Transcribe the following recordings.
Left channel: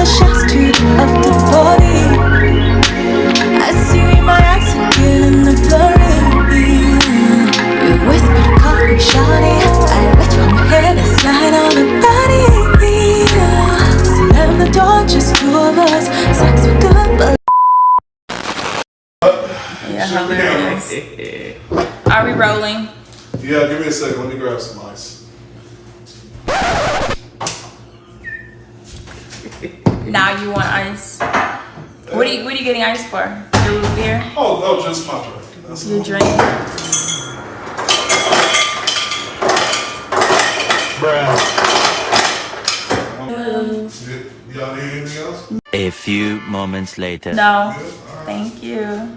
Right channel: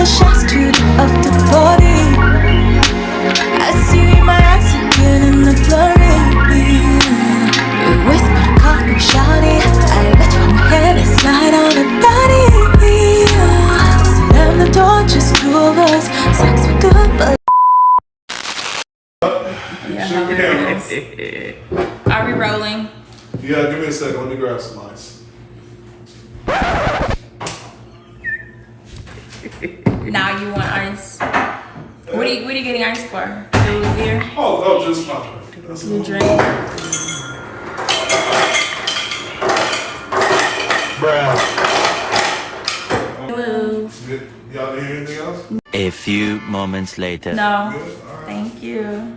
the shots to the of the body. I see you in my eyes again in the blurry. You whisper to call me shawty. I let you on my head and slide on the body. Slam the door, just two of us. Sex was good, but Are we rolling? Yeah, give me a second. Let me grab some ice. Now you want ice? What are you getting ice for? Here? Oh, just my drink. You drink? Hello. Y'all need anything else? A few moments later. No. Thank you.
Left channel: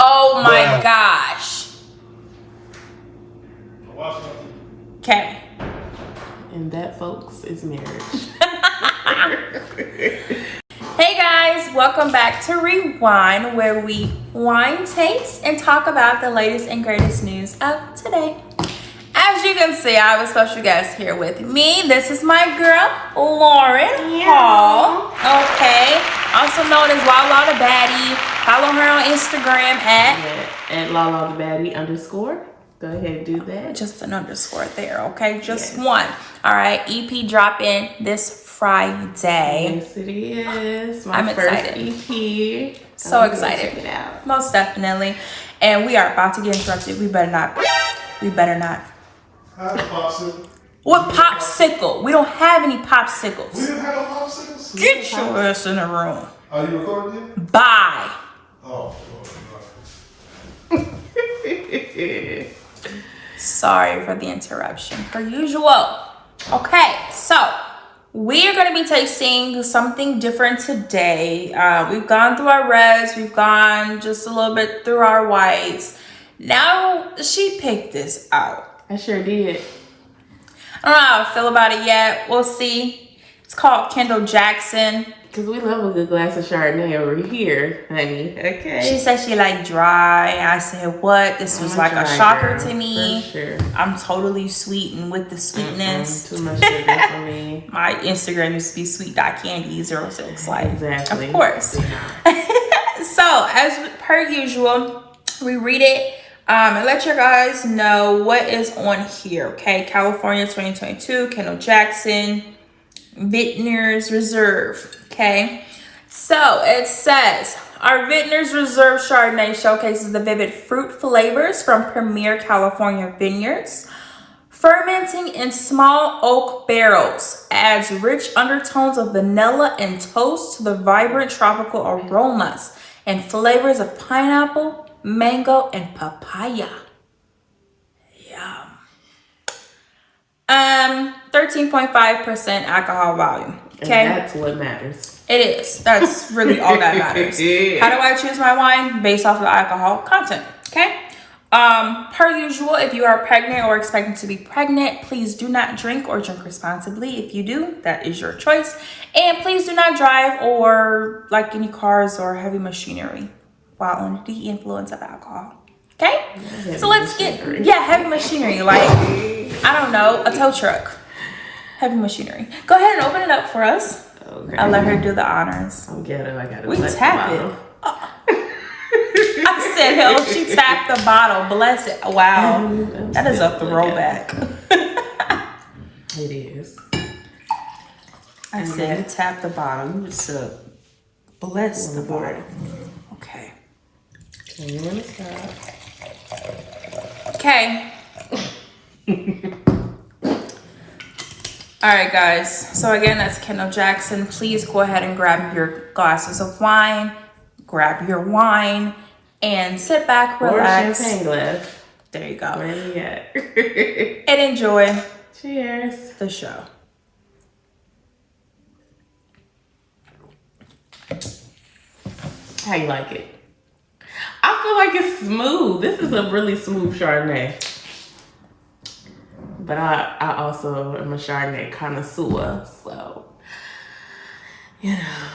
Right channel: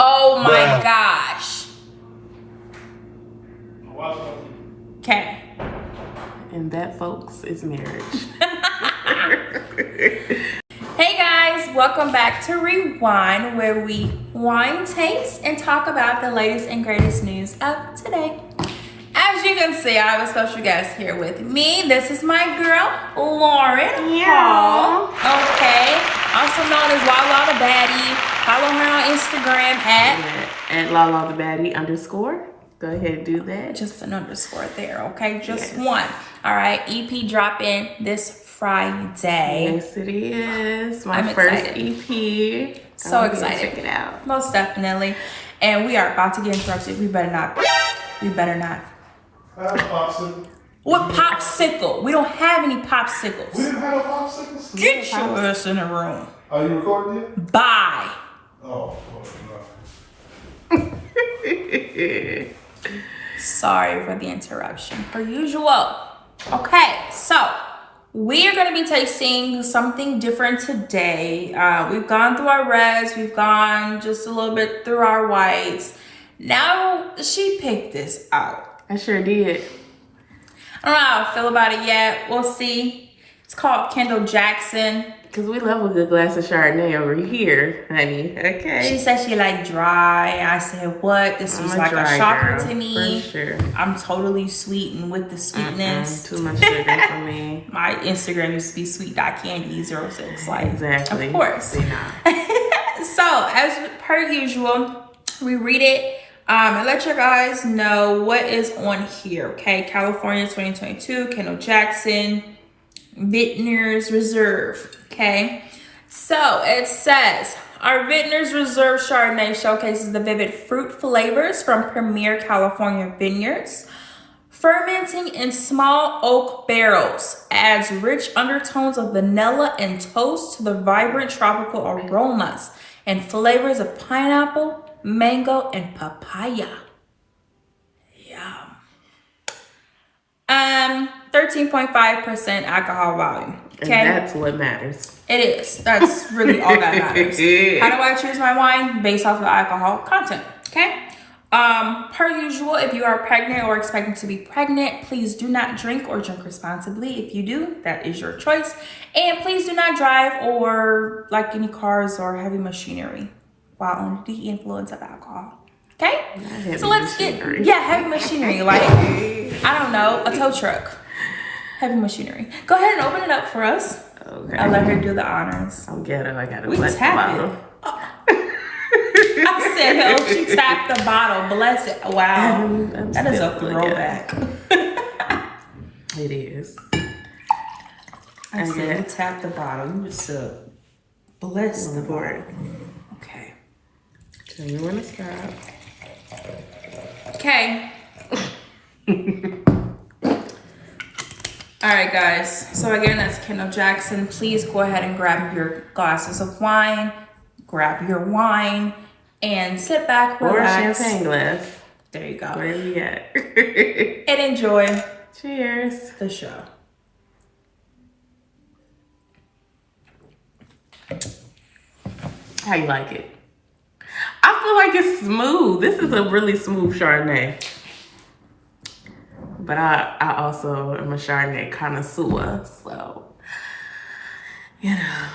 Oh my gosh. Okay. And that, folks, is marriage. Hey guys, welcome back to Rewind, where we wine taste and talk about the latest and greatest news of today. As you can see, I have a special guest here with me. This is my girl, Lauren Hall. Okay. Also known as Lala the Baddie. Follow her on Instagram at Lala the Baddie _. Go ahead and do that. Just an underscore there, okay? Just one. All right. EP dropping this Friday. Yes, it is. I'm first excited. EP. So excited. Check it out. Most definitely. And we are about to get interrupted. We better not. Popsicle. What popsicle? We don't have any popsicles. We didn't have no popsicles? Get your ass in the room. Are you recording it? Bye. Oh, no. Sorry for the interruption, per usual. Okay, so we are going to be tasting something different today. We've gone through our reds. We've gone just a little bit through our whites. Now, she picked this out. I sure did. I don't know how I feel about it yet. We'll see. It's called Kendell Jackson. Because we love a good glass of Chardonnay over here, honey. Okay. She said she liked dry. I said, what? This was like a shocker to me. For sure. I'm totally sweetened with the sweetness. Too much sugar for me. My Instagram used to be sweet.candy06. Like, exactly. Of course. So, as per usual, we read it and let you guys know what is on here. Okay, California 2022, Kendell Jackson, Vintners Reserve. Okay, so it says our Vintners Reserve Chardonnay showcases the vivid fruit flavors from premier California vineyards. Fermenting in small oak barrels adds rich undertones of vanilla and toast to the vibrant tropical aromas and flavors of pineapple, mango, and papaya. Yum. 13.5% alcohol volume. Okay, and that's what matters. It is. That's really all that matters. How do I choose my wine? Based off of the alcohol content. Okay. Per usual, if you are pregnant or expecting to be pregnant, please do not drink or drink responsibly. If you do, that is your choice. And please do not drive or like any cars or heavy machinery while under the influence of alcohol. Okay? So let's get heavy machinery, like I don't know, a tow truck. Heavy machinery. Go ahead and open it up for us. Okay. I'll let her do the honors. I'm ghetto. I gotta We tap it. I said, hell, she tapped the bottle. Bless it. Wow. That is a throwback. It is. I said, you tapped the bottle. You was bless the bottle. Okay. Tell me when to stop. Okay. All right, guys. So again, that's Kendell Jackson. Please go ahead and grab your glasses of wine. Grab your wine and sit back, relax. Or champagne glass. There you go. Where you at? And enjoy. Cheers. The show. How you like it? I feel like it's smooth. This is a really smooth Chardonnay. But I also am a Chardonnay connoisseur, so, you know.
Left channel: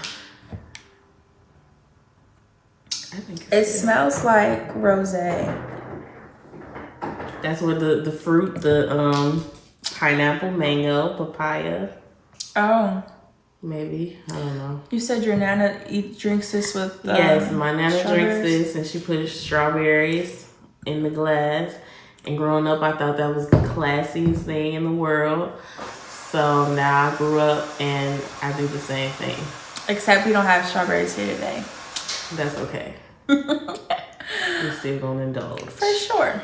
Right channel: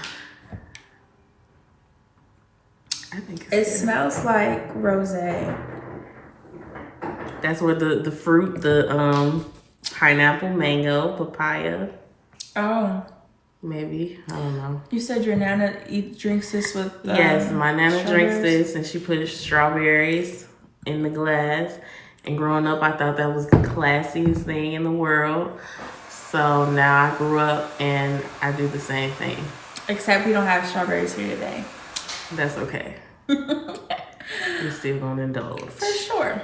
I think it's It good. smells like rosé. That's where the fruit, the pineapple, mango, papaya. Oh. Maybe. I don't know. You said your nana drinks this with yes, my nana drinks strawberries? this and she puts strawberries in the glass. And growing up, I thought that was the classiest thing in the world. So now I grew up and I do the same thing. Except we don't have strawberries here today. That's okay. I'm still gonna indulge. For sure.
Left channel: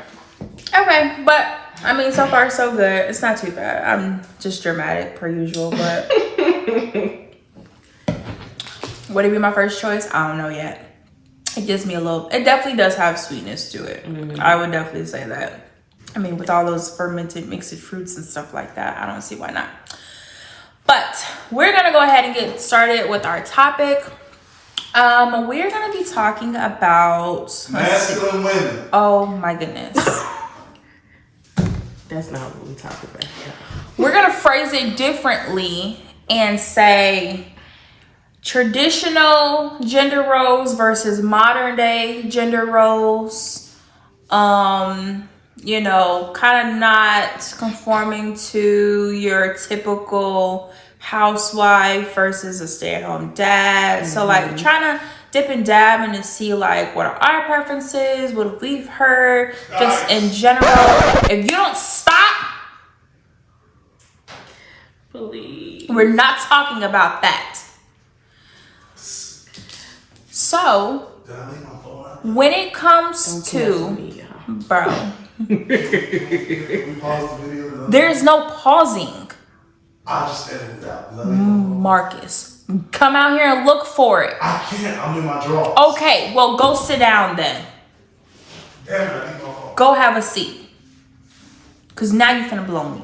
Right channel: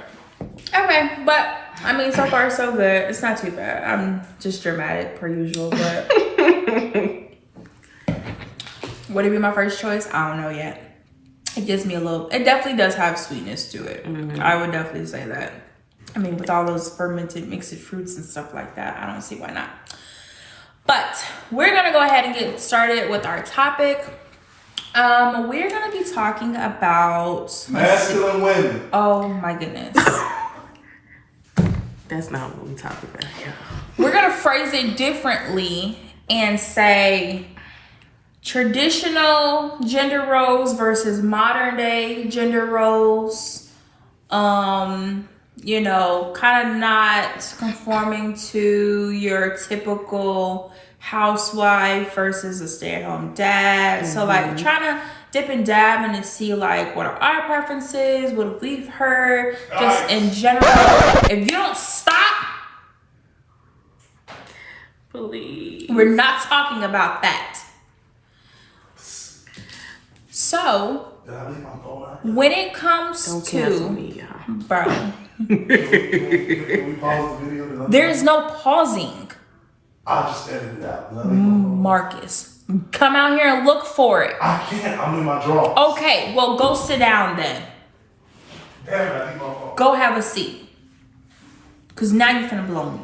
Okay, but I mean, so far so good. It's not too bad. I'm just dramatic per usual, but would it be my first choice? I don't know yet. It gives me a little. It definitely does have sweetness to it. I would definitely say that. I mean, with all those fermented mixed fruits and stuff like that, I don't see why not. But we're gonna go ahead and get started with our topic. We're gonna be talking about masculine women. Oh my goodness. That's not what we talk about here. We're gonna phrase it differently and say traditional gender roles versus modern day gender roles. You know, kind of not conforming to your typical housewife versus a stay-at-home dad. So like trying to dip and dab and to see like what are our preferences, what we've heard, just in general. If you don't stop, Please. we're not talking about that. So when it comes Don't cancel to me, y'all. bro, We pause the video. there is no pausing. I just edited it out. Marcus, come out here and look for it. I can't. I'm in my drawers. Okay, well, go sit down then. Damn it, I need my phone. Go have a seat. Because now you're finna blow me.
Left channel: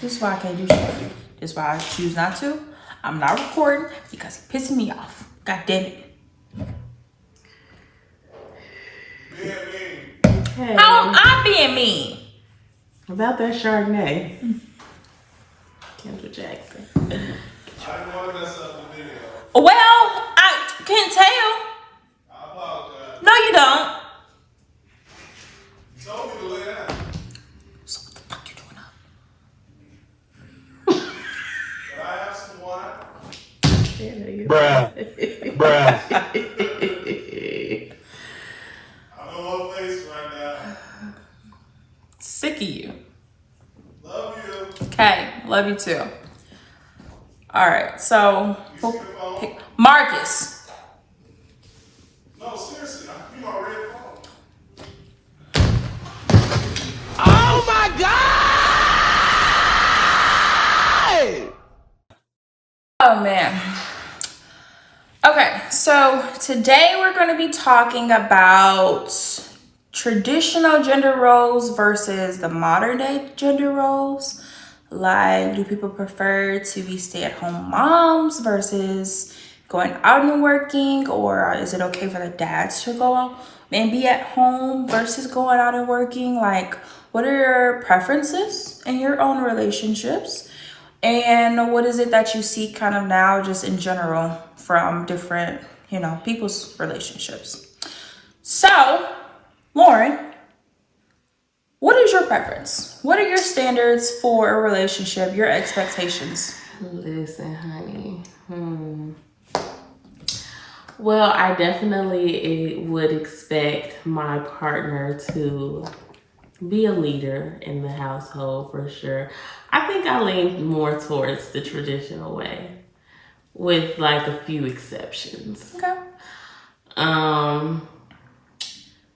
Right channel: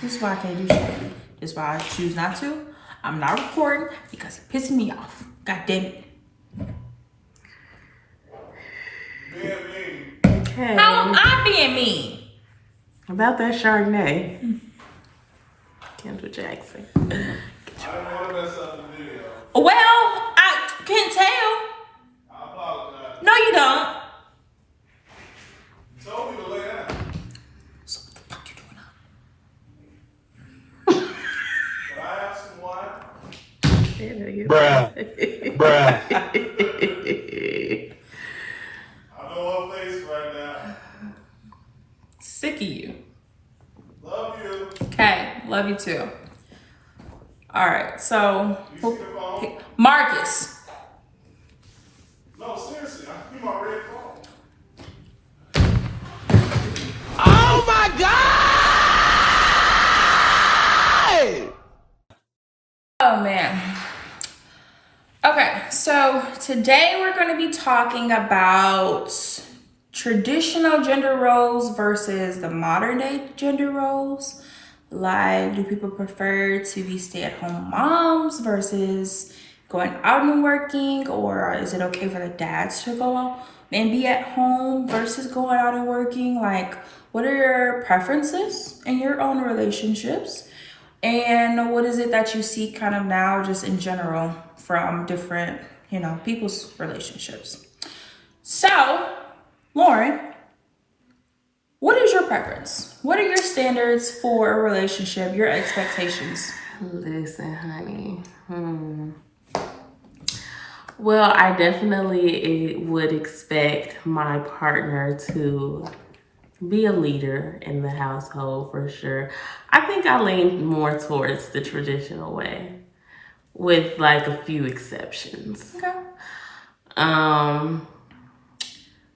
This is why I can't do shit. This is why I choose not to. I'm not recording because it pisses me off. God damn it. Okay. How am I being mean? About that Chardonnay. Kendall Jackson. I don't want to mess up the video. Well, I can't tell. I apologize. No, you don't. You told me to lay down. So what the fuck you doing up? Can I have some wine? Bruh. I'm on face right now. Sick of you. Love you. Okay, love you too. All right, so You see the phone? Marcus. No, seriously. You my red phone. Oh my God! Oh man. Okay, so today we're going to be talking about traditional gender roles versus the modern day gender roles. Like, do people prefer to be stay-at-home moms versus going out and working, or is it okay for the dads to go out and be at home versus going out and working? Like, what are your preferences in your own relationships? And what is it that you see kind of now just in general from different, you know, people's relationships? So, Lauren, what is your preference? What are your standards for a relationship, your expectations? Listen, honey. Well, I definitely would expect my partner to be a leader in the household for sure. I think I lean more towards the traditional way with like a few exceptions. Okay.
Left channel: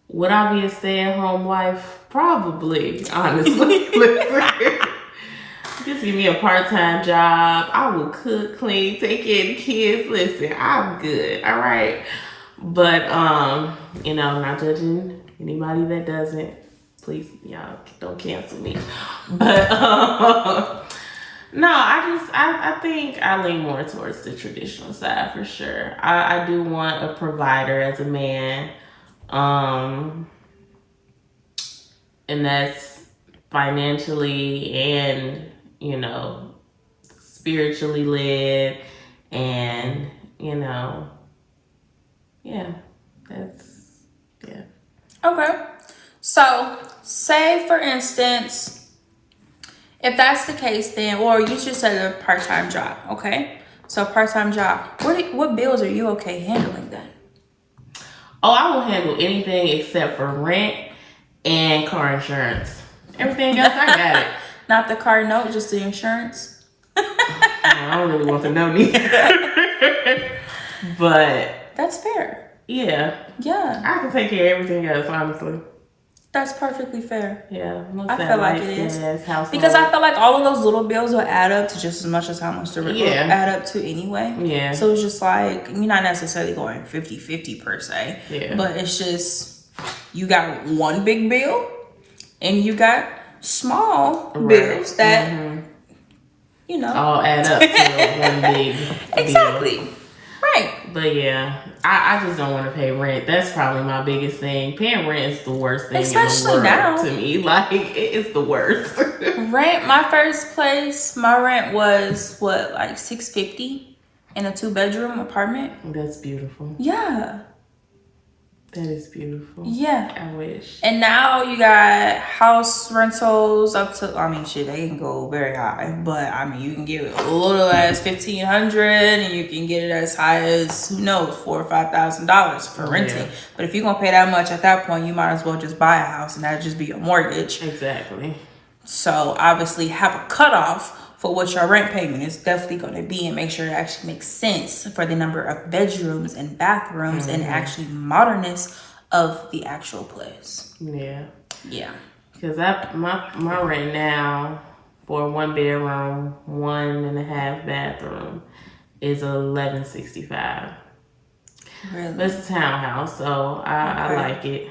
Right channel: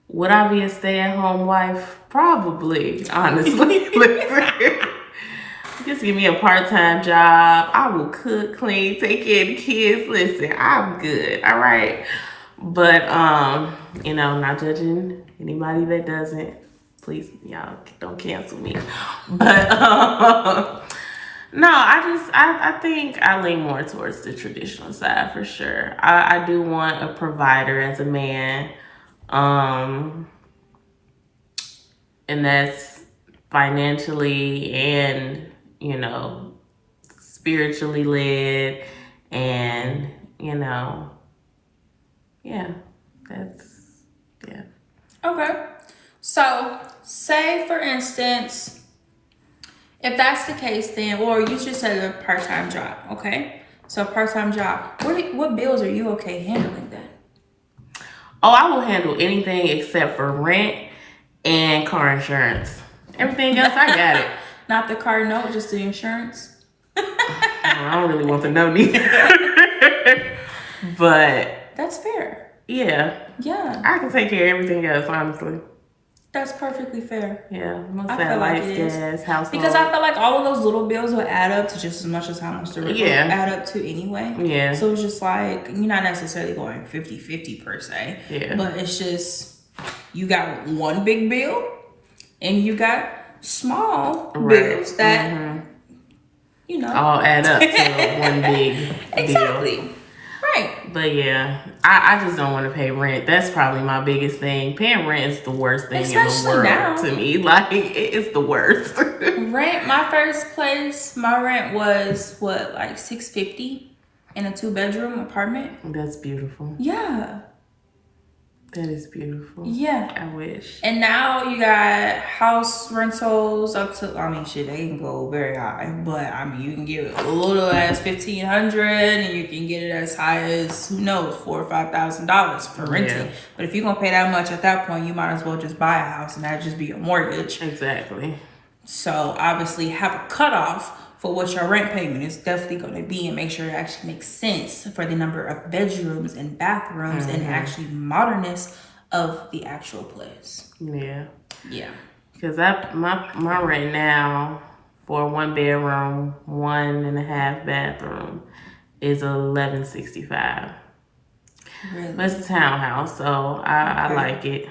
Would I be a stay-at-home wife? Probably, honestly. Listen, just give me a part-time job. I will cook, clean, take care of the kids. Listen, I'm good, all right? But, you know, not judging anybody that doesn't. Please, y'all, don't cancel me. But, no, I think I lean more towards the traditional side for sure. I do want a provider as a man. And that's financially and, you know, spiritually led and, you know, yeah, that's, yeah. Okay. So, say for instance, if that's the case, then, or you should say a part-time job, okay? So, part-time job. What bills are you okay handling then? Oh, I will handle anything except for rent and car insurance. Everything else, I got it. Not the car note, just the insurance? I don't really want to know neither. But That's fair. yeah, I can take care of everything else, honestly. That's perfectly fair. Yeah, most I of that feel like lights, it is. gas, household. Because I feel like all of those little bills will add up to just as much as how much the rent will add up to anyway. Yeah. So it's just like, you're not necessarily going 50-50 per se. Yeah. But it's just, you got one big bill and you got small bills that, you know. all add up to one big Exactly. deal. Right. But yeah, I just don't want to pay rent. That's probably my biggest thing. Paying rent is the worst thing in the world now. to me. Like, it is the worst. Rent, my first place, my rent was what, like $650 in a 2-bedroom apartment. That's beautiful. Yeah. That is beautiful. Yeah. I wish. And now you got house rentals up to, I mean, shit, they can go very high, but I mean, you can get a little as $1,500, and you can get it as high as, who knows, $4,000 or $5,000 for renting. Yeah. But if you're gonna pay that much at that point, you might as well just buy a house, and that'd just be your mortgage. Exactly. So obviously, have a cutoff for what your rent payment is definitely going to be, and make sure it actually makes sense for the number of bedrooms and bathrooms and actually modernness of the actual place. Yeah. Yeah. Because my rent now for a 1-bedroom, 1.5 bathroom is $1,165. Really? But it's a townhouse, so I like it.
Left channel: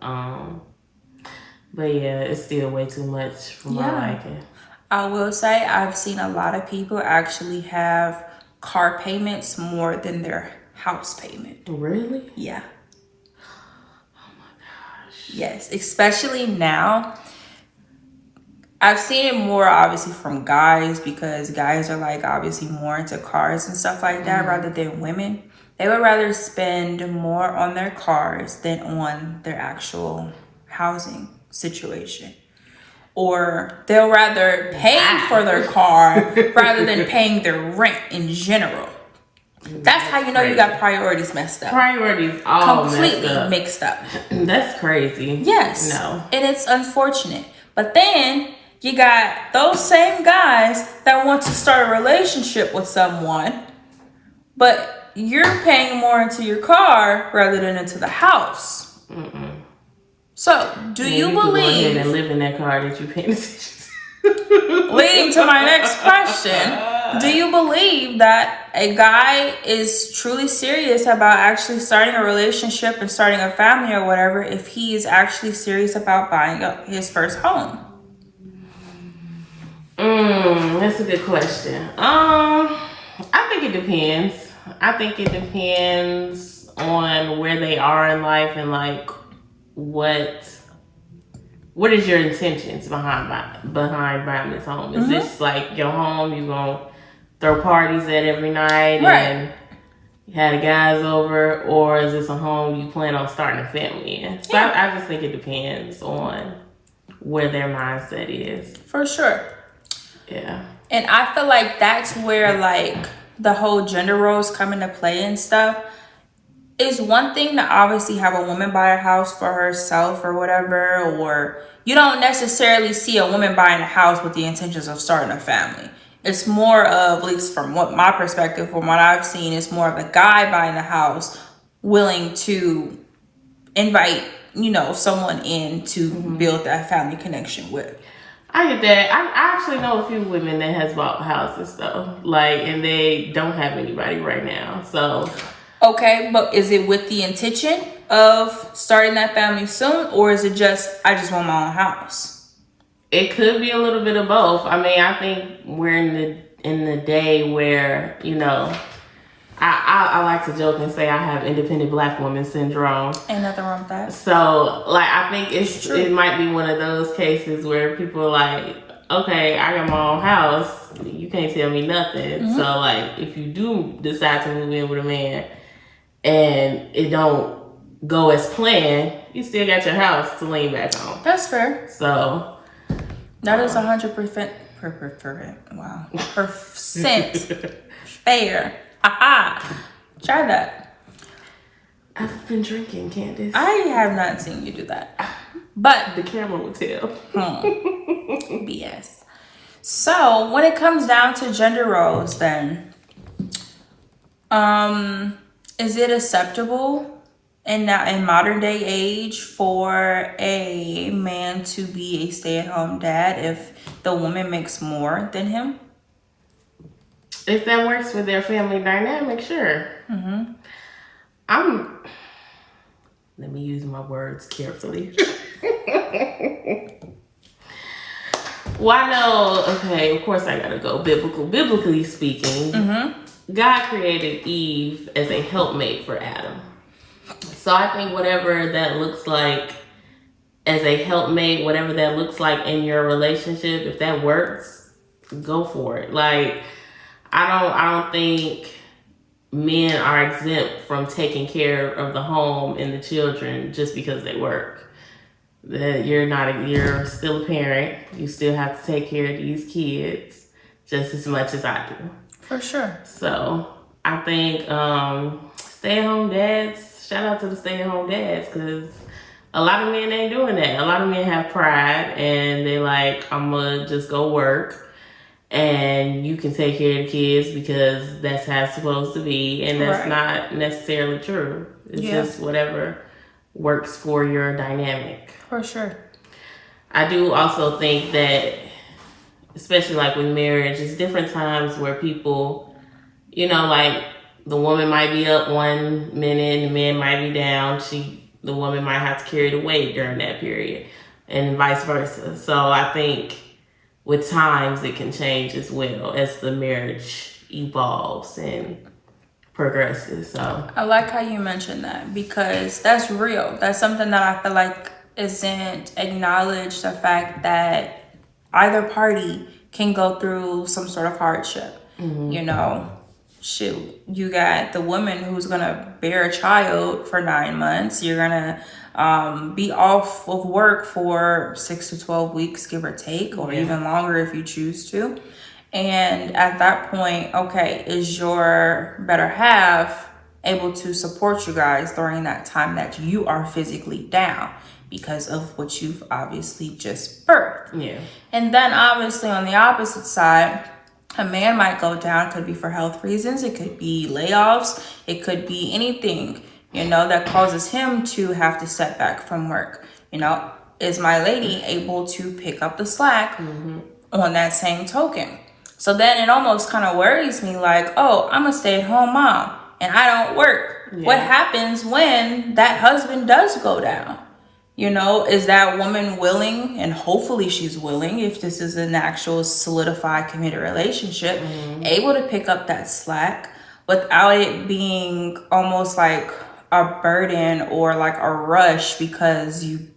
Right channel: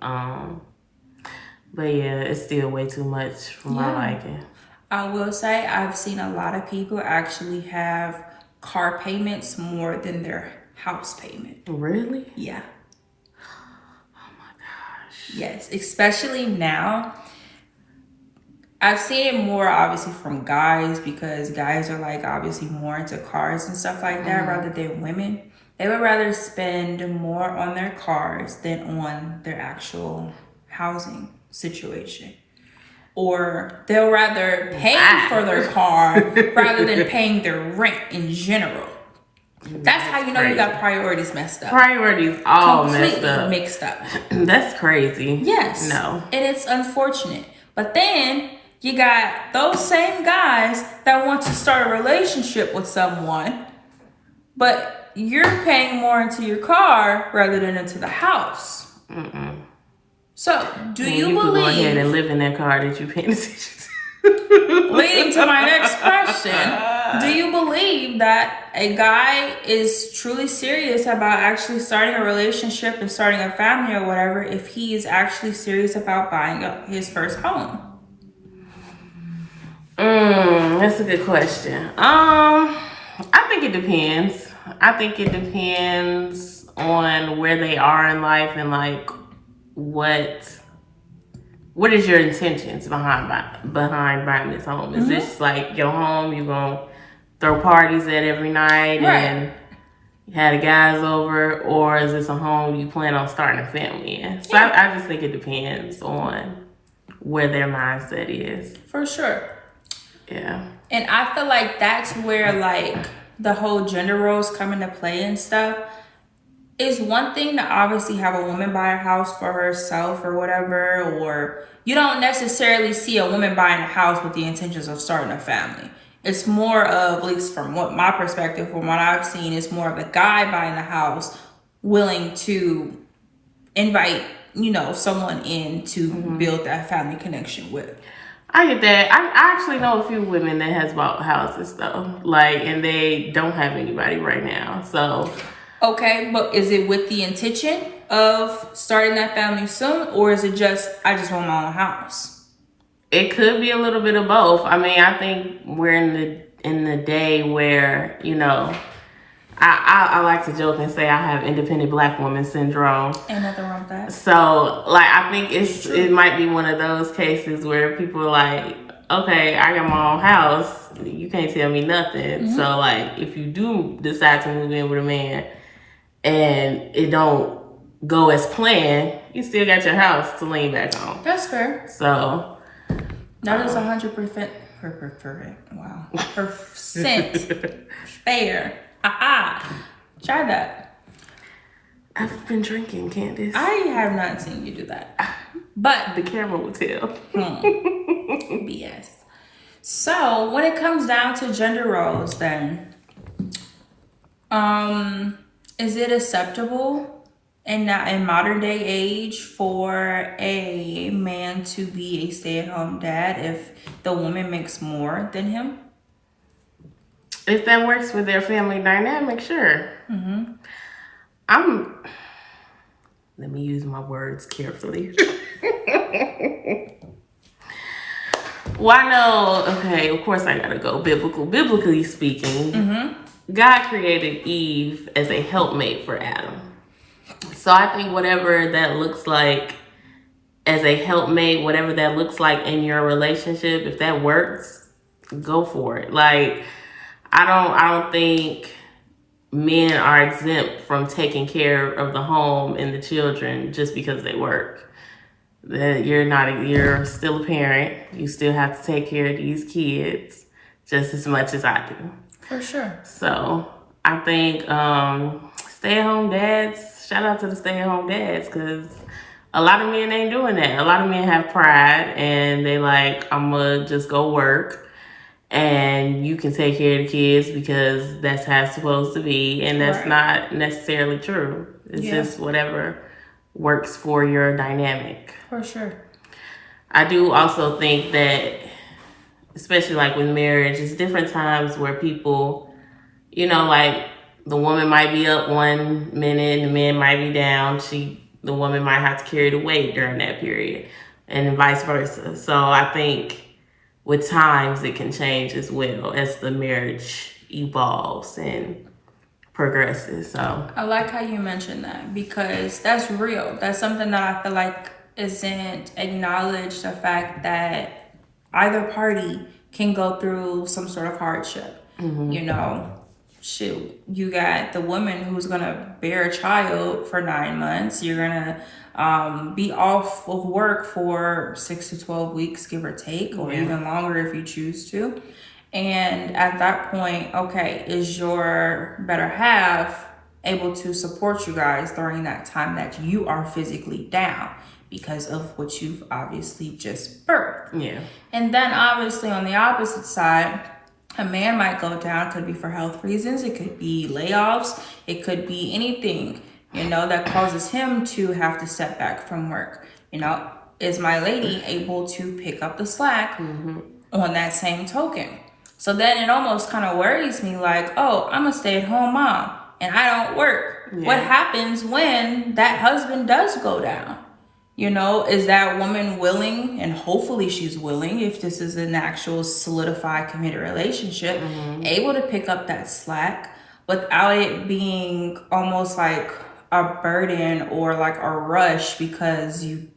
But yeah, it's still way too much for my liking. I will say I've seen a lot of people actually have car payments more than their house payment. Really? Yeah. Oh my gosh. Yes, especially now. I've seen it more obviously from guys, because guys are like obviously more into cars and stuff like that rather than women. They would rather spend more on their cars than on their actual housing situation. Or they'll rather pay for their car rather than paying their rent in general. That's how you know you got priorities messed up. Priorities all completely mixed up. That's crazy. Yes. No. And it's unfortunate. But then you got those same guys that want to start a relationship with someone, but you're paying more into your car rather than into the house. So, do you believe... could go ahead and live in that car that you paid attention to. Leading to my next question, do you believe that a guy is truly serious about actually starting a relationship and starting a family or whatever if he is actually serious about buying his first home? That's a good question. I think it depends. I think it depends on where they are in life and like what is your intentions behind buying this home? Is this like your home, you gonna throw parties at every night and have the guys over, or is this a home you plan on starting a family in? So I just think it depends on where their mindset is. For sure. Yeah. And I feel like that's where like the whole gender roles come into play and stuff. It's one thing to obviously have a woman buy a house for herself or whatever, or you don't necessarily see a woman buying a house with the intentions of starting a family. It's more of, at least from what my perspective, from what I've seen, it's more of a guy buying a house willing to invite, someone in to build that family connection with. I get that. I actually know a few women that has bought houses though, and they don't have anybody right now, so... Okay, but is it with the intention of starting that family soon, or is it just, I just want my own house? It could be a little bit of both. I mean, I think we're in the day where, I like to joke and say I have independent black woman syndrome. Ain't nothing wrong with that. So, I think it might be one of those cases where people are like, okay, I got my own house, you can't tell me nothing. So, if you do decide to move in with a man, and it don't go as planned, you still got your house to lean back on. That's fair. So that is 100%. Wow, percent fair. Try that. I've been drinking, Candace. I have not seen you do that, but The camera will tell. BS. So when it comes down to gender roles, then, is it acceptable in modern day age for a man to be a stay-at-home dad if the woman makes more than him? If that works for their family dynamic, sure. Mm-hmm. Let me use my words carefully. Well, I know, okay, of course I gotta go biblical. Biblically speaking, God created Eve as a helpmate for Adam. So I think whatever that looks like as a helpmate, whatever that looks like in your relationship, if that works, go for it. Like, I don't think men are exempt from taking care of the home and the children just because they work. That you're still a parent. You still have to take care of these kids just as much as I do. For sure. So I think stay-at-home dads, shout out to the stay-at-home dads, because a lot of men ain't doing that. A lot of men have pride and they like, I'm gonna just go work and you can take care of the kids because that's how it's supposed to be. And that's not necessarily true. It's just whatever works for your dynamic. For sure. I do also think that, especially like with marriage, it's different times where people, you know, like the woman might be up one minute and the man might be down. The woman might have to carry the weight during that period and vice versa. So I think with times it can change as well as the marriage evolves and progresses. So I like how you mentioned that because that's real. That's something that I feel like isn't acknowledged, the fact that either party can go through some sort of hardship. You know, shoot, you got the woman who's gonna bear a child for 9 months. You're gonna be off of work for 6 to 12 weeks, give or take, or even longer if you choose to. And at that point, okay, is your better half able to support you guys during that time that you are physically down because of what you've obviously just birthed? yeah. And then obviously on the opposite side, a man might go down, could be for health reasons, it could be layoffs, it could be anything, you know, that causes him to have to step back from work. You know, is my lady able to pick up the slack on that same token? So then it almost kind of worries me like, oh, I'm a stay-at-home mom and I don't work. Yeah. What happens when that husband does go down? You know, is that woman willing, and hopefully she's willing, if this is an actual solidified committed relationship, able to pick up that slack without it being almost like a burden or like a rush because you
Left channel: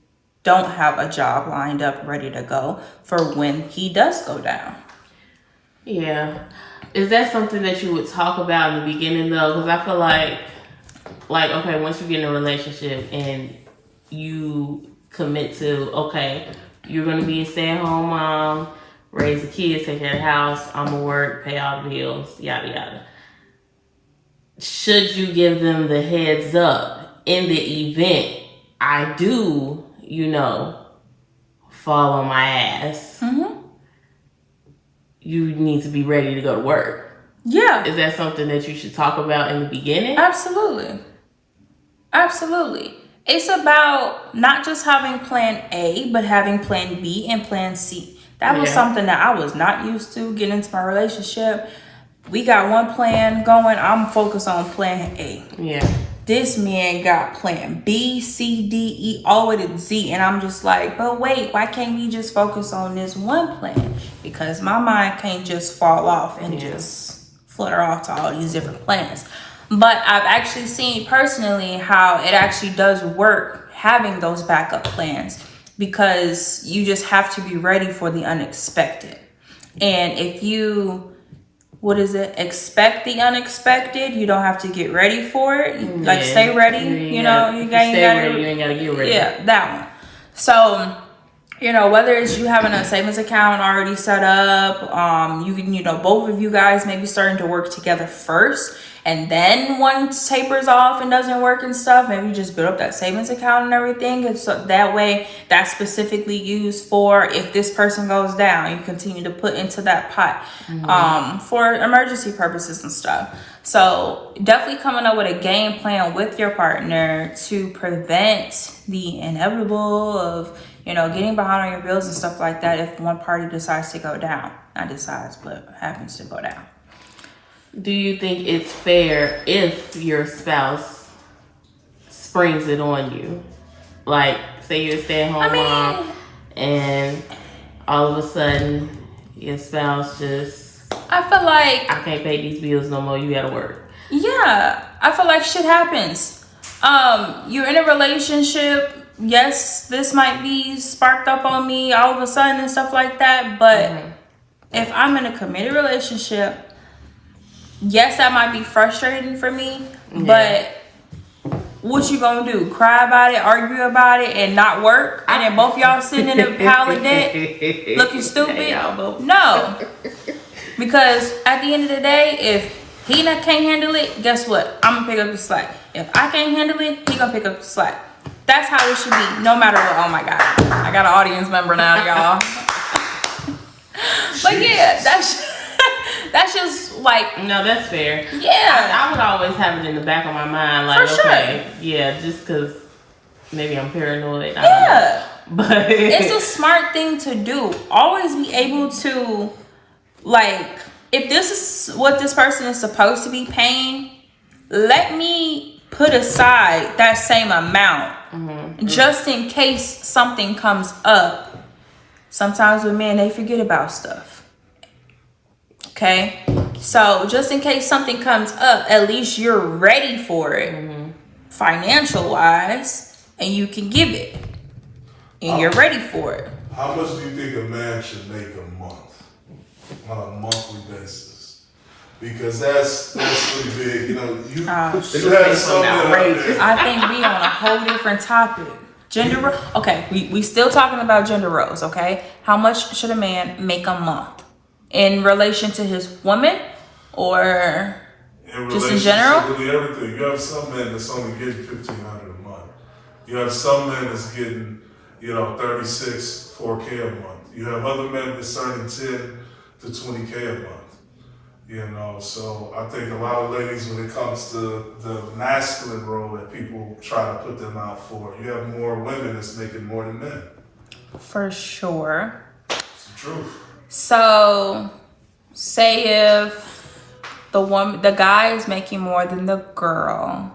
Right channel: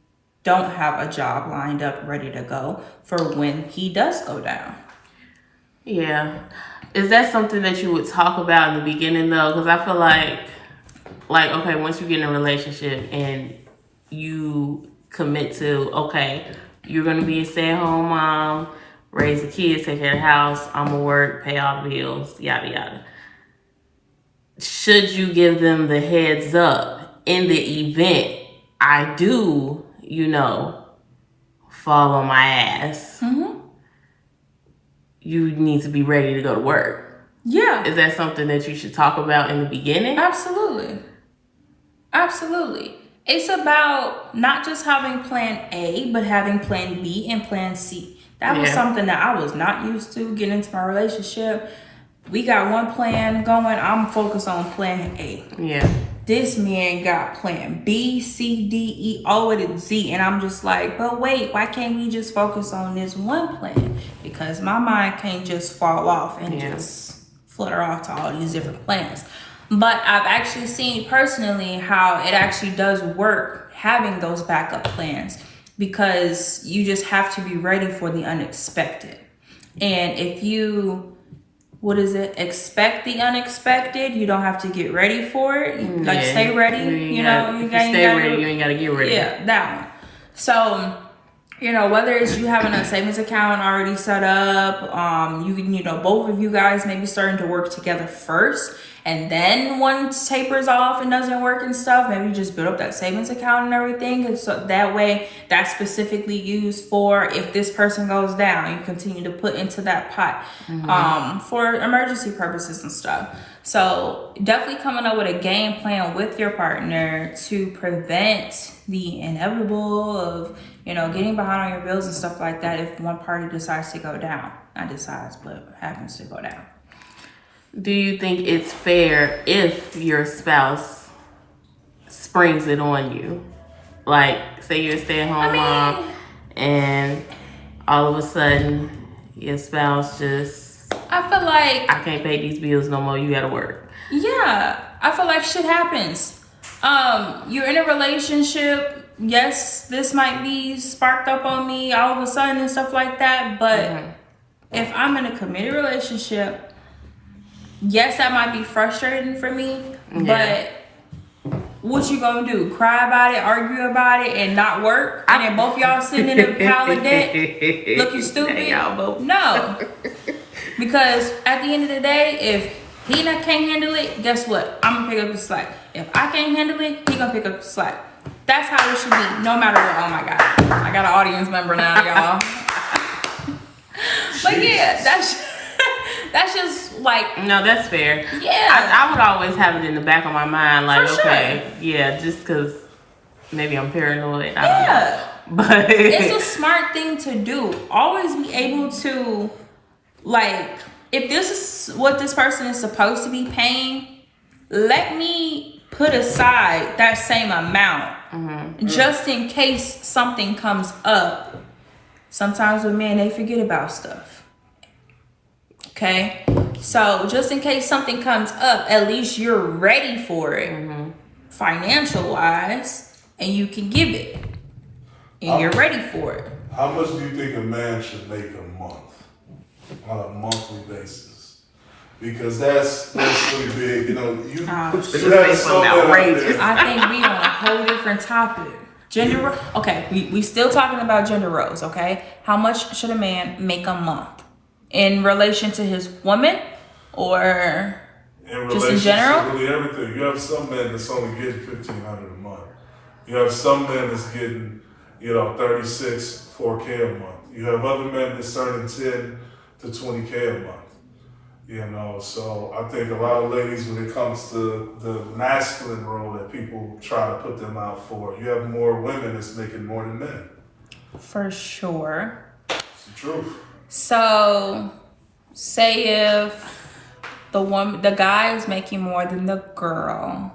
don't have a job lined up ready to go for when he does go down? Yeah. Is that something that you would talk about in the beginning though? Because I feel like, okay, once you get in a relationship and you commit to, okay, you're going to be a stay-at-home mom, raise the kids, take care of the house, I'm going to work, pay all the bills, yada, yada. Should you give them the heads up in the event I do, you know, fall on my ass? You need to be ready to go to work. Yeah. Is that something that you should talk about in the beginning? Absolutely. Absolutely. It's about not just having plan A, but having plan B and plan C. That was something that I was not used to getting into my relationship. We got one plan going. I'm focused on plan A. Yeah. This man got plan B, C, D, E, all the way to Z. And I'm just like, but wait, why can't we just focus on this one plan? Because my mind can't just fall off and just flutter off to all these different plans. But I've actually seen personally how it actually does work having those backup plans, because you just have to be ready for the unexpected. And if you what is it? Expect the unexpected. You don't have to get ready for it. Like stay ready. You know, you ain't gotta get ready. Yeah, that one. So, you know, whether it's you having a savings account already set up, you know, both of you guys maybe starting to work together first, and then one tapers off and doesn't work and stuff, maybe just build up that savings account and everything, and so that way that's specifically used for if this person goes down, you continue to put into that pot for emergency purposes and stuff. So definitely coming up with a game plan with your partner to prevent the inevitable of, you know, getting behind on your bills and stuff like that if one party decides to go down. Not decides, but happens to go down. Do you think it's fair if your spouse springs it on you? Like, say you're a stay-at-home mom and all of a sudden your spouse just, I feel like I can't pay these bills no more, you gotta work. Yeah, I feel like shit happens. You're in a relationship. Yes, this might be sparked up on me all of a sudden and stuff like that. But if I'm in a committed relationship, yes, that might be frustrating for me. But what you gonna do? Cry about it, argue about it, and not work? And then both y'all sitting in a pile of debt looking stupid? No. Because at the end of the day, if he can't handle it, guess what? I'm gonna pick up the slack. If I can't handle it, he gonna pick up the slack. That's how it should be, no matter what. Oh my God, I got an audience member now, y'all. But yeah, that's just like, no, that's fair. Yeah, I would always have it in the back of my mind, like, For okay, yeah, just because maybe I'm paranoid. I don't know. But it's a smart thing to do. Always be able to, like, if this is what this person is supposed to be paying, let me put aside that same amount just in case something comes up. Sometimes with men, they forget about stuff. Okay? So just in case something comes up, at least you're ready for it financial wise, and you can give it. And you're ready for it. How much do you think a man should make a month? On a monthly basis? Because that's pretty big. You know, you have so outrageous. I think we on a whole different topic. Okay, we still talking about gender roles, okay? How much should a man make a month? In relation to his woman or just in general? Really everything. You have some men that's only getting $1,500 a month. You have some men that's getting, 36, $4K a month. You have other men that's earning 10 to 20K a month. So I think a lot of ladies, when it comes to the masculine role that people try to put them out for, you have more women that's making more than men. For sure. It's the truth. So, say if the guy is making more than the girl,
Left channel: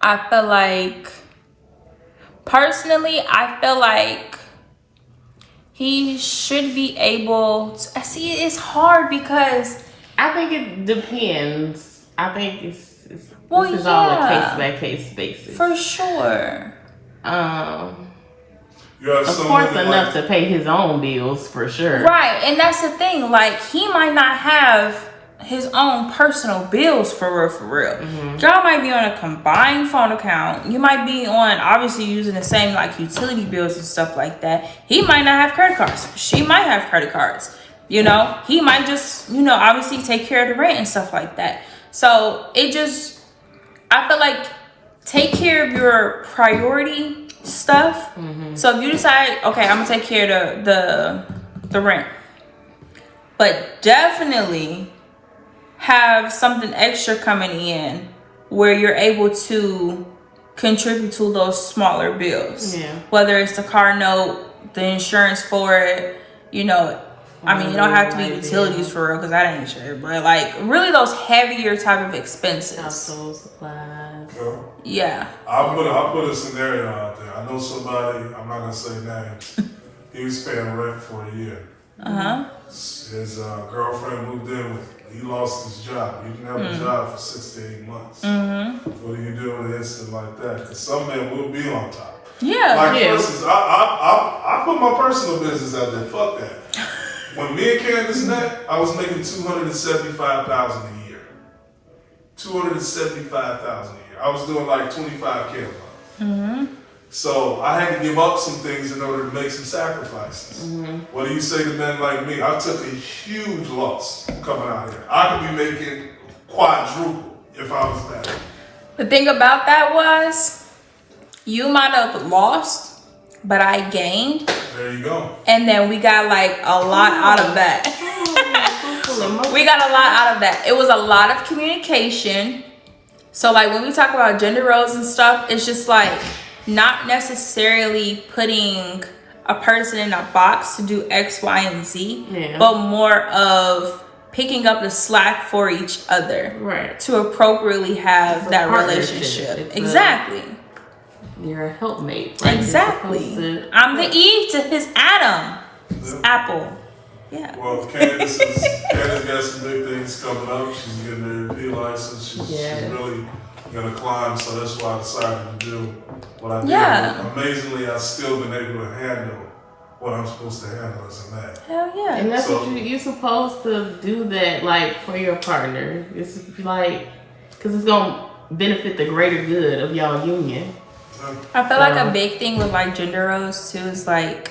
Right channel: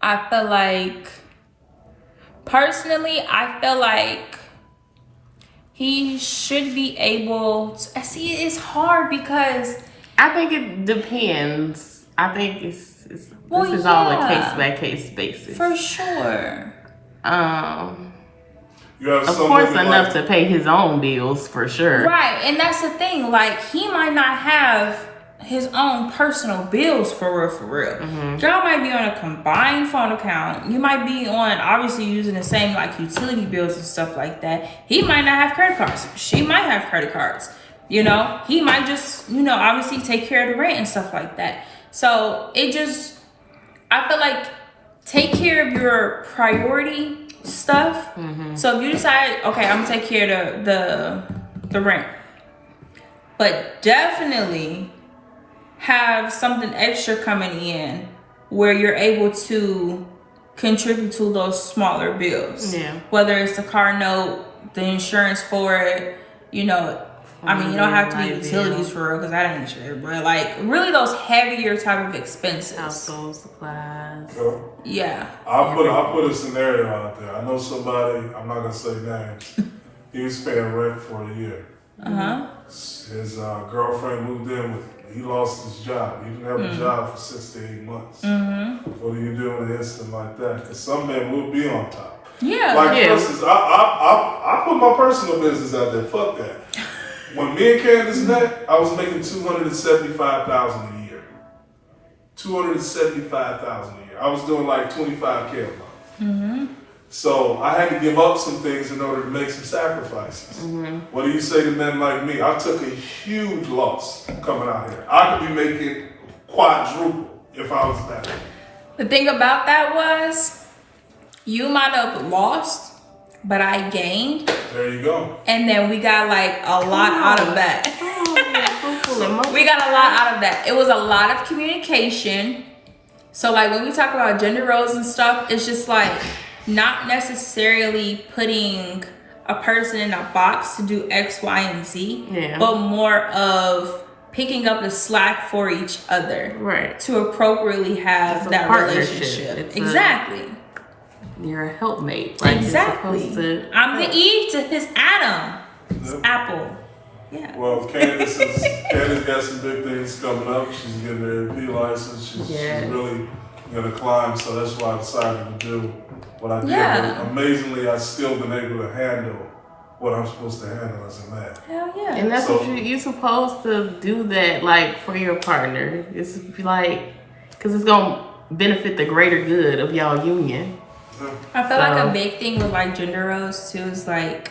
I feel like, personally, he should be able to, see, it's hard because I think it depends. I think this is all a case by case basis. For sure. Of course, enough to pay his own bills, for sure. Right, and that's the thing. Like, he might not have his own personal bills for real. Y'all might be on a combined phone account. You might be on, obviously, using the same, like, utility bills and stuff like that. He might not have credit cards. She might have credit cards. He might just, obviously take care of the rent and stuff like that. So, I feel like, take care of your priority stuff. So if you decide, okay, I'm gonna take care of the rent, but definitely have something extra coming in where you're able to contribute to those smaller bills. Whether it's the car note, the insurance for it, I mean, you don't have to be utilities for real, because that ain't sure. But, like, really those heavier type of expenses. Household supplies. Yeah. I'll put a scenario out there. I know somebody, I'm not going to say names. He was paying rent for a year. His girlfriend moved in with him. He lost his job. He didn't have a job for 6 to 8 months. What do you do in an instant like that? Because some men will be on top. Yeah. For instance, I put my personal business out there. Fuck that. When me and Candace met, I was making $275,000 a year. $275,000 a year. I was doing like 25K a month. So I had to give up some things in order to make some sacrifices. What do you say to men like me? I took a huge loss coming out here. I could be making quadruple if I was back. The thing about that was, you might have lost, but I gained. There you go. And then we got like a lot out of that. We got a lot out of that. It was a lot of communication. So like when we talk about gender roles and stuff, it's just like not necessarily putting a person in a box to do X, Y, and Z, but more of picking up the slack for each other, right? To appropriately have that relationship. Exactly. You're a helpmate. Like exactly. I'm the Eve to his Adam. His apple. Yeah. Well, Candace got some big things coming up. She's getting her AP license. She's really gonna climb. So that's why I decided to do what I did. Yeah. Amazingly, I've still been able to handle what I'm supposed to handle as a man. Hell yeah. And that's what you're supposed to do, that like for your partner. It's like, because it's gonna benefit the greater good of y'all union. I feel like a big thing with like gender roles too is like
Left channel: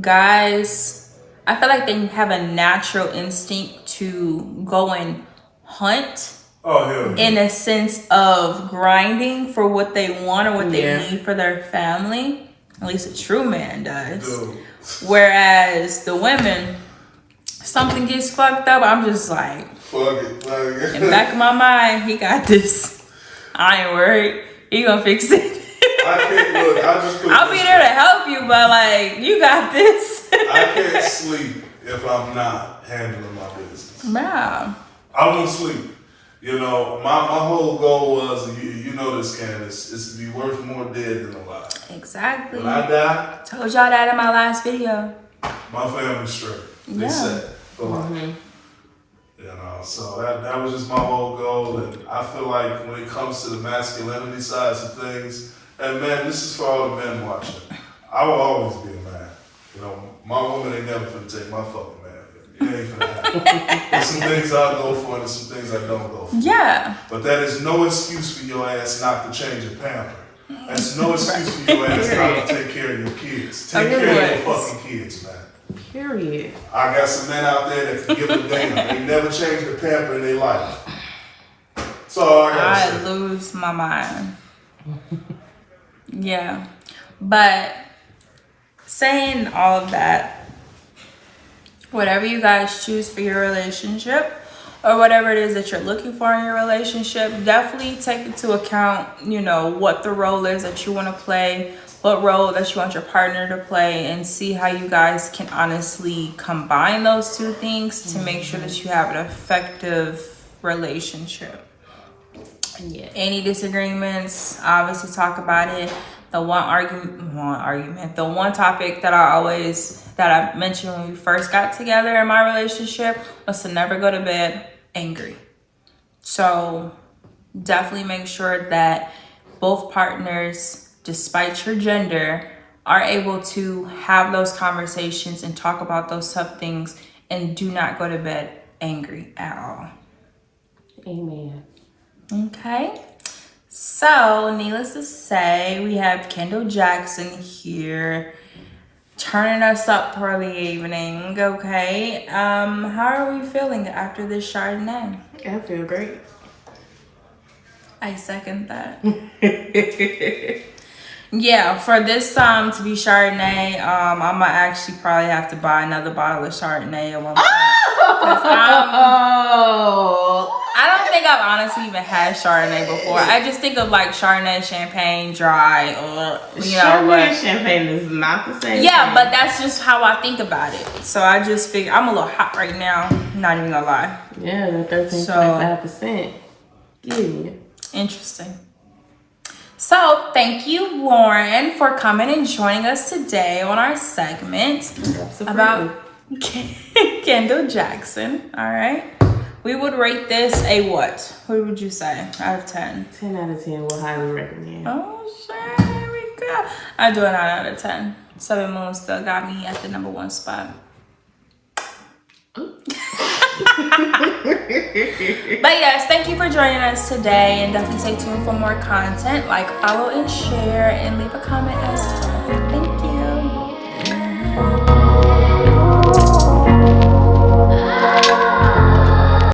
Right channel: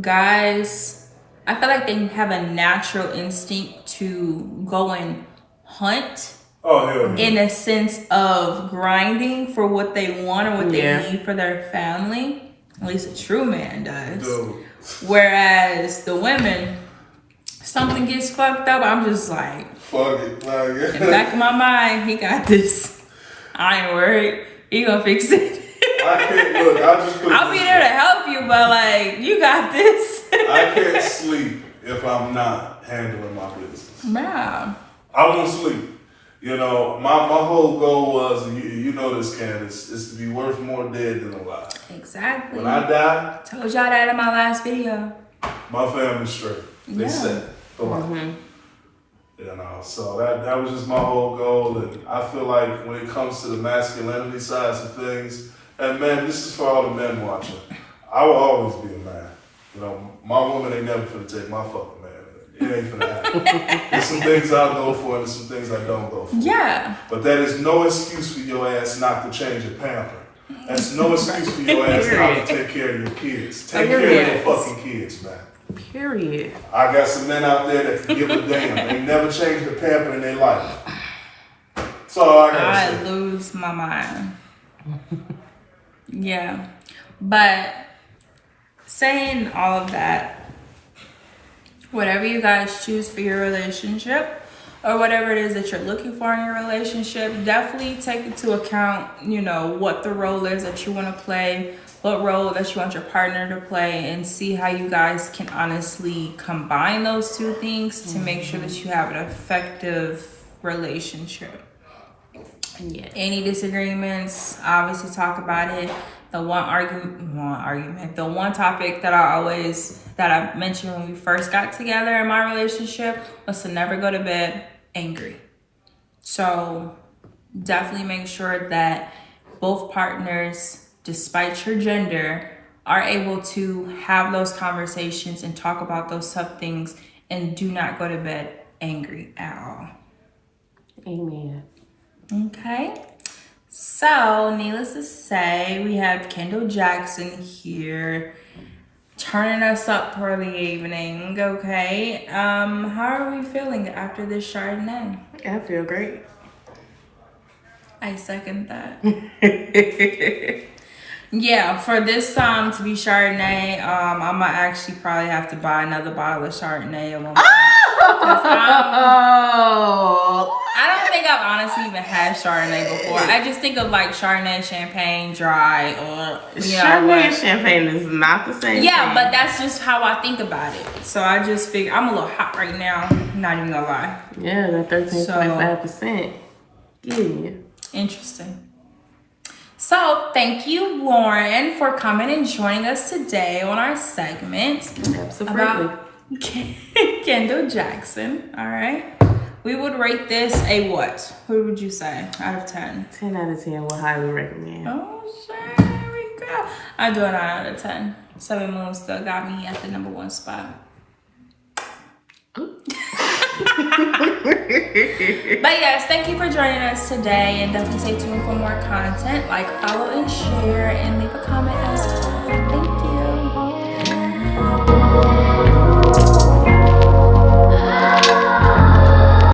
guys, I feel like they have a natural instinct to go and hunt. In a sense of grinding for what they want or what they need for their family. At least a true man does. Whereas the women, something gets fucked up, I'm just like, fuck it. Like, in the back of my mind, he got this. I ain't worried. He gonna fix it. I can't look. I'll be there to help you, but like, you got this. I can't sleep if I'm not handling my business. Nah. I won't sleep. You know, my whole goal was, and you know this, Candace, is to be worth more dead than alive. Exactly. When I die, told y'all that in my last video. My family's straight. They set for life. You know, so that was just my whole goal, and I feel like when it comes to the masculinity sides of things, and man, this is for all the men watching. I will always be a man. You know, my woman ain't never gonna take my fucking man. It ain't gonna happen. There's some things I go for, and there's some things I don't go for. Yeah. But that is no excuse for your ass not to change a pamper. That's no excuse for your ass not to take care of your kids. Take care of your fucking kids, man. Period. I got some men out there that can give a damn. They never changed the pamper in their life. So I lose my mind. Yeah. But saying all of that, whatever you guys choose for your relationship or whatever it is that you're looking for in your relationship, definitely take into account, you know, what the role is that you want to play, what role that you want your partner to play, and see how you guys can honestly combine those two things to make sure that you have an effective relationship. Yeah. Any disagreements, obviously talk about it. The one topic that I mentioned when we first got together in my relationship was to never go to bed angry. So definitely make sure that both partners, despite your gender, are able to have those conversations and talk about those tough things, and do not go to bed angry at all. Amen. Okay. So, needless to say, we have Kendell Jackson here, turning us up for the evening. Okay. How are we feeling after this Chardonnay? I feel great. I second that. Yeah, for this to be Chardonnay, I'm gonna actually probably have to buy another bottle of Chardonnay at one point. I don't think I've honestly even had Chardonnay before. I just think of like Chardonnay champagne dry, or Chardonnay and champagne is not the same. Yeah, thing. but that's just how I think about it. So I just figure I'm a little hot right now. Not even gonna lie. Yeah, the 13.5%. Yeah. Interesting. So thank you, Lauren, for coming and joining us today on our segment about Kendell Jackson. All right. We would rate this a what? What would you say out of 10? 10 out of 10 will highly recommend. Oh, shit. There we go. I do a 9 out of 10. 7 Moons still got me at the number 1 spot. But yes, thank you for joining us today, and definitely stay tuned for more content. Like, follow, and share, and leave a comment as